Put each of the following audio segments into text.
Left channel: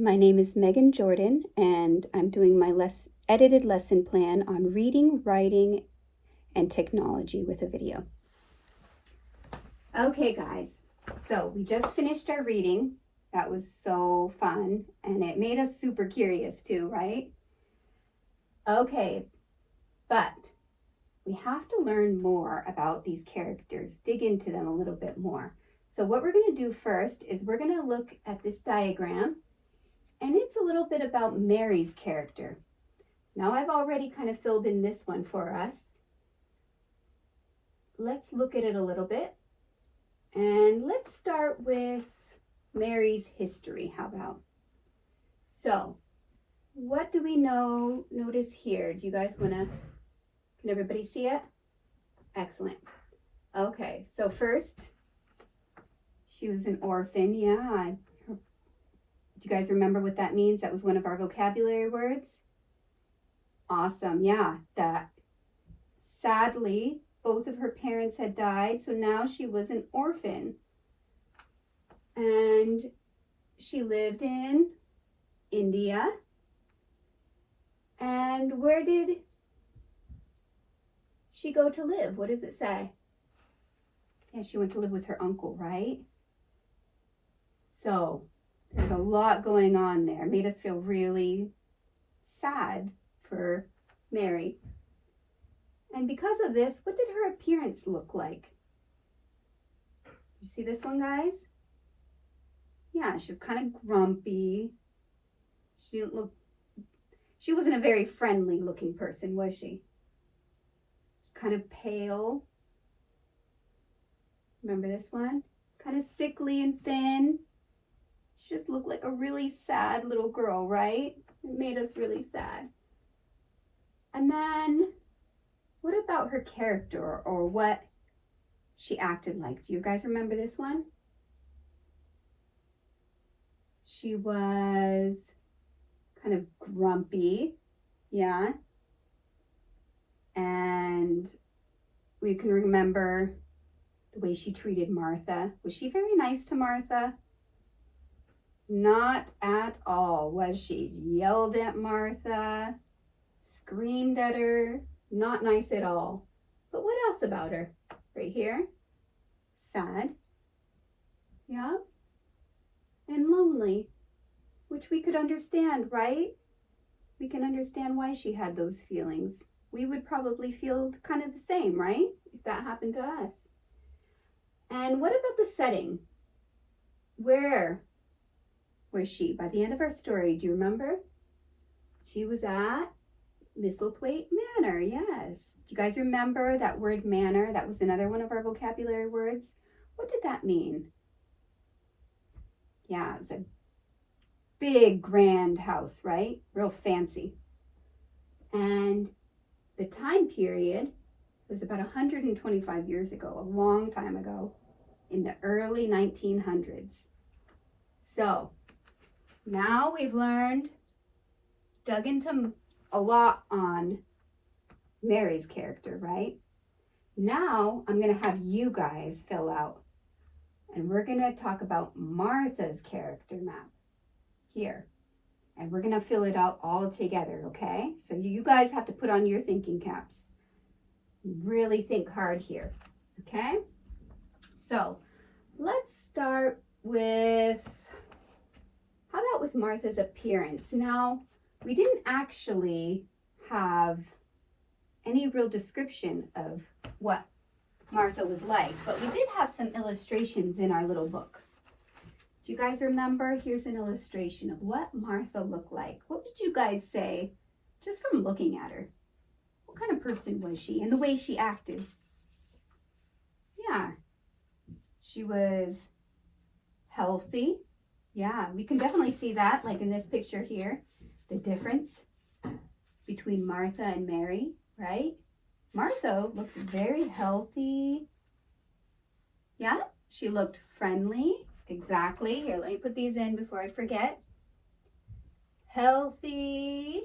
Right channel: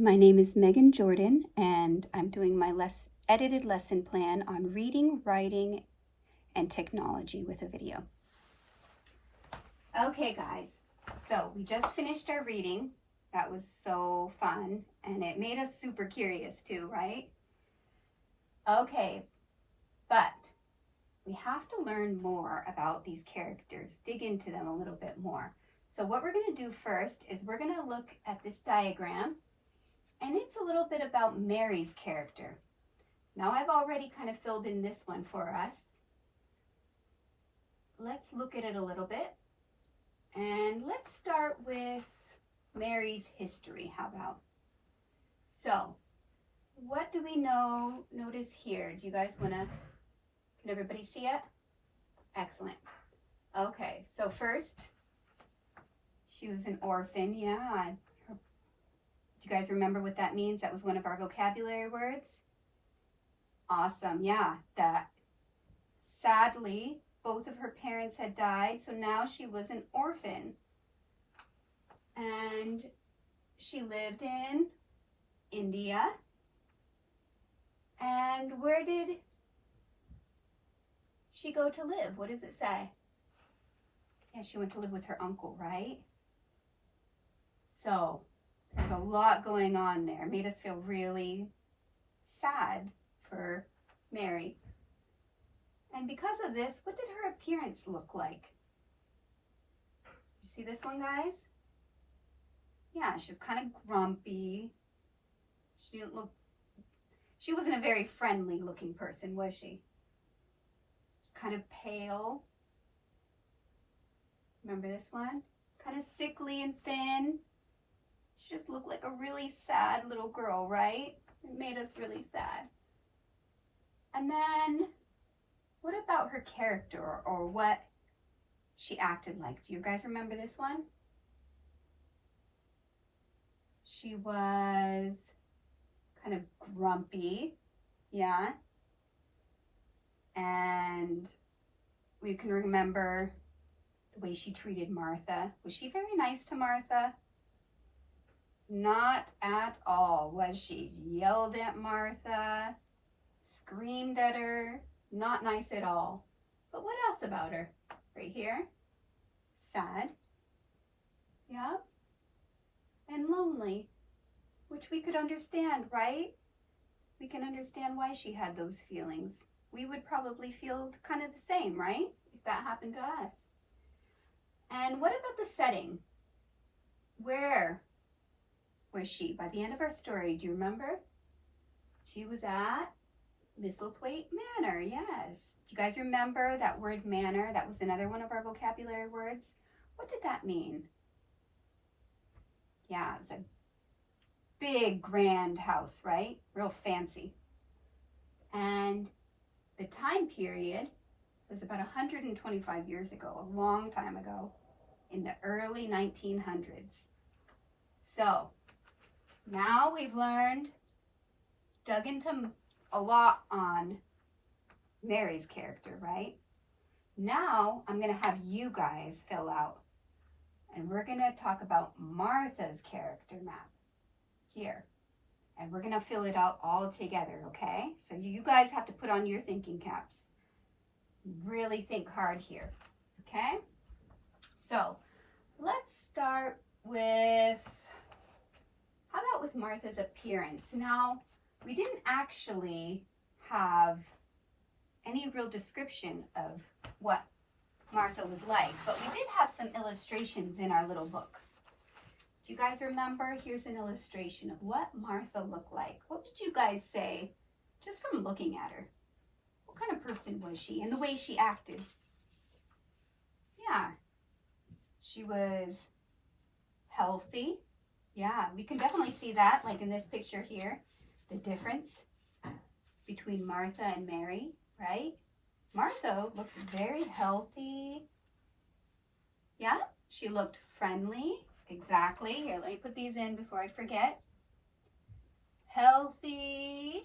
My name is Megan Jordan, and I'm doing my edited lesson plan on reading, writing, and technology with a video. Okay, guys, so we just finished our reading. That was so fun, and it made us super curious too, right? Okay, but we have to learn more about these characters, dig into them a little bit more. So what we're going to do first is we're going to look at this diagram, and it's a little bit about Mary's character. Now I've already kind of filled in this one for us. Let's look at it a little bit. And let's start with Mary's history. How about? So, what do we know? Notice here. Do you guys want to, can everybody see it? Excellent. Okay, so first, she was an orphan. Yeah. Do you guys remember what that means? That was one of our vocabulary words. Awesome. Yeah, that sadly, both of her parents had died, so now she was an orphan. And she lived in India. And where did she go to live? What does it say? Yeah, she went to live with her uncle, right? So there's a lot going on there. It made us feel really sad for Mary. And because of this, what did her appearance look like? You see this one, guys? Yeah, she was kind of grumpy. She wasn't a very friendly looking person, was she? She was kind of pale. Remember this one? Kind of sickly and thin. She just looked like a really sad little girl, right? It made us really sad. And then, what about her character or what she acted like? Do you guys remember this one? She was kind of grumpy, yeah. And we can remember the way she treated Martha. Was she very nice to Martha? Not at all, was she? Yelled at Martha, screamed at her, not nice at all. But what else about her? Right here, sad, yeah, and lonely, which we could understand, right? We can understand why she had those feelings. We would probably feel kind of the same, right? If that happened to us. And what about the setting? Where was she? By the end of our story, do you remember? She was at Misselthwaite Manor, yes. Do you guys remember that word manor? That was another one of our vocabulary words. What did that mean? Yeah, it was a big, grand house, right? Real fancy. And the time period was about 125 years ago, a long time ago, in the early 1900s. So, now we've dug into a lot on Mary's character, right? Now I'm going to have you guys fill out, and we're going to talk about Martha's character map here. And we're going to fill it out all together, okay? So you guys have to put on your thinking caps. Really think hard here, okay? So let's start with, how about with Martha's appearance? Now, we didn't actually have any real description of what Martha was like, but we did have some illustrations in our little book. Do you guys remember? Here's an illustration of what Martha looked like. What did you guys say just from looking at her? What kind of person was she and the way she acted? Yeah, she was healthy. Yeah, we can definitely see that, like in this picture here, the difference between Martha and Mary, right? Martha looked very healthy. Yeah, she looked friendly. Exactly. Here, let me put these in before I forget. Healthy,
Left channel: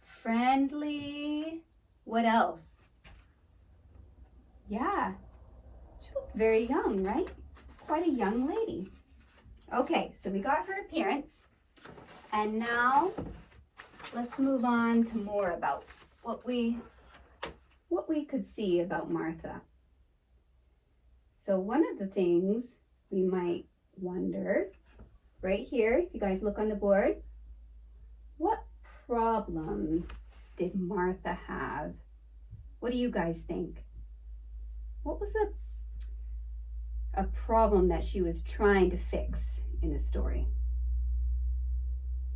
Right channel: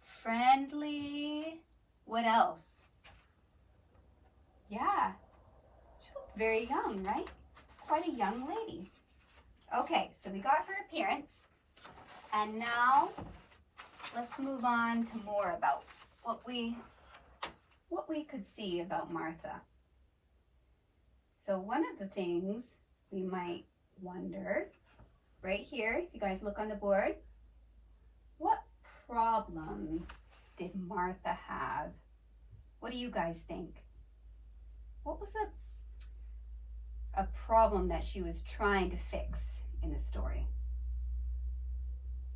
friendly. What else? Yeah, she looked very young, right? Quite a young lady. Okay, so we got her appearance. And now let's move on to more about what we could see about Martha. So one of the things we might wonder, right here, if you guys look on the board, what problem did Martha have? What do you guys think? What was a problem that she was trying to fix in the story?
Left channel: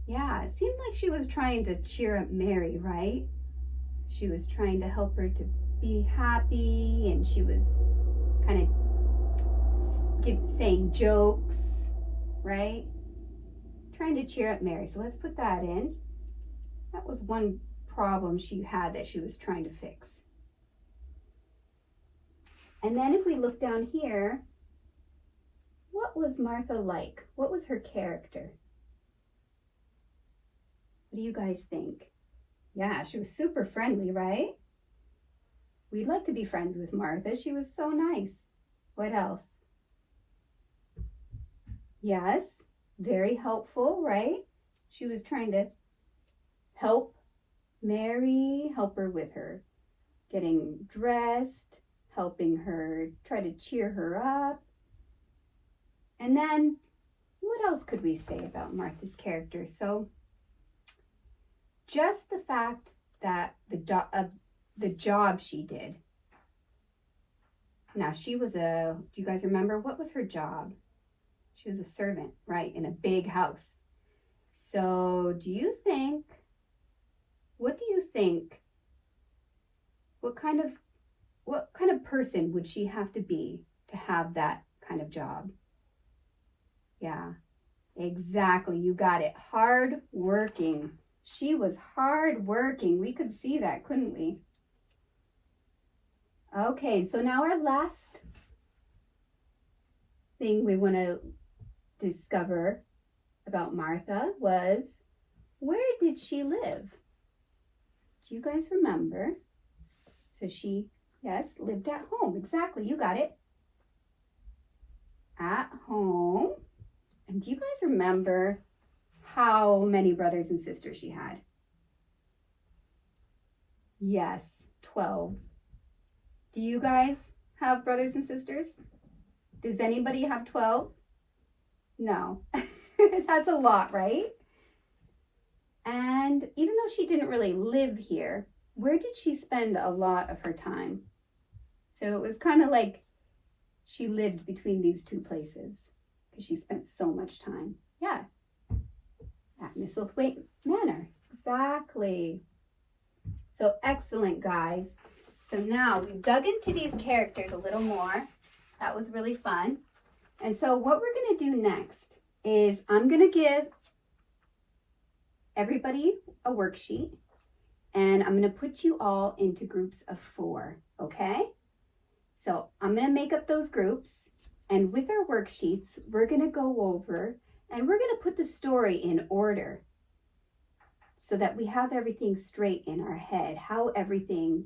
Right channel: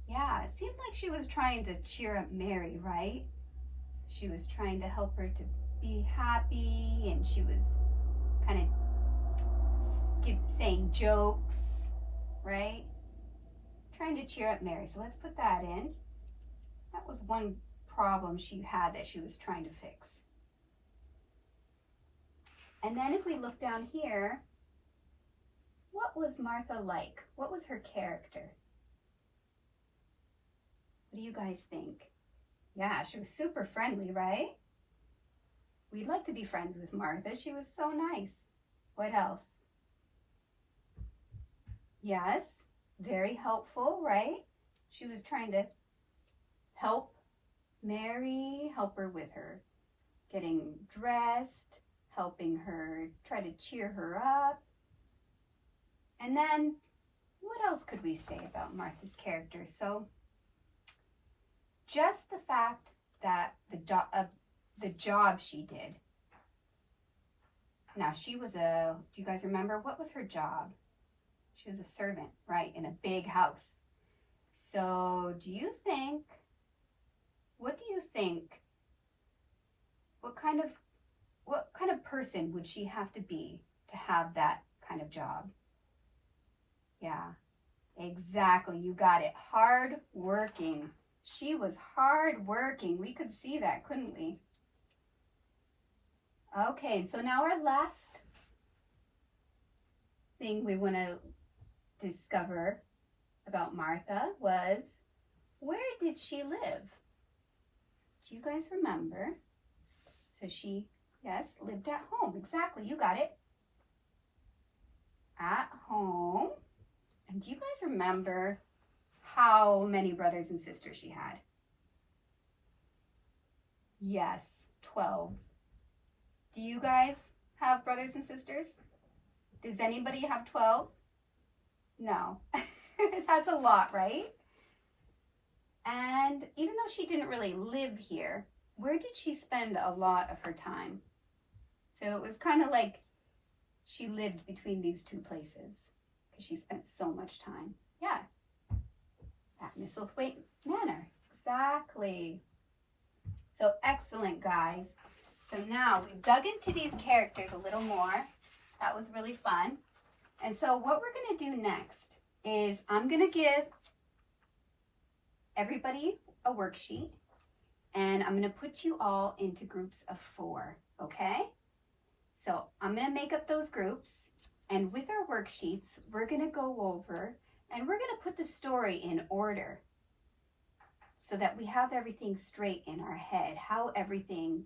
Yeah, it seemed like she was trying to cheer up Mary, right? She was trying to help her to be happy, and she was kind of saying jokes, right? Trying to cheer up Mary. So let's put that in. That was one problem she had that she was trying to fix. And then if we look down here, what was Martha like? What was her character? What do you guys think? Yeah, she was super friendly, right? We'd like to be friends with Martha. She was so nice. What else? Yes, very helpful, right? She was trying to help Mary, help her with her getting dressed, helping her, try to cheer her up. And then what else could we say about Martha's character? So just the fact that the job she did. Now she was do you guys remember what was her job? She was a servant, right, in a big house. So what do you think, what kind of person would she have to be to have that kind of job? Yeah, exactly, you got it, hard working. She was hard working. We could see that, couldn't we? Okay, so now our last thing we want to discover about Martha was, where did she live? Do you guys remember? So she, yes, lived at home. Exactly, you got it. At home. And do you guys remember how many brothers and sisters she had? Yes, 12. Do you guys have brothers and sisters? Does anybody have 12? No. That's a lot, right? And even though she didn't really live here, where did she spend a lot of her time? So it was kind of like she lived between these two places because she spent so much time. Yeah, at Misselthwaite Manor. Exactly. So excellent, guys. So now we've dug into these characters a little more. That was really fun. And so what we're going to do next is I'm going to give everybody a worksheet, and I'm going to put you all into groups of 4, okay? So I'm going to make up those groups, and with our worksheets, we're going to go over and we're going to put the story in order so that we have everything straight in our head, how everything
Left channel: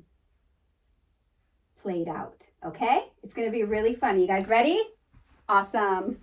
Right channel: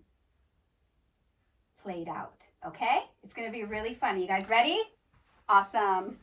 played out, okay? It's going to be really fun. You guys ready? Awesome.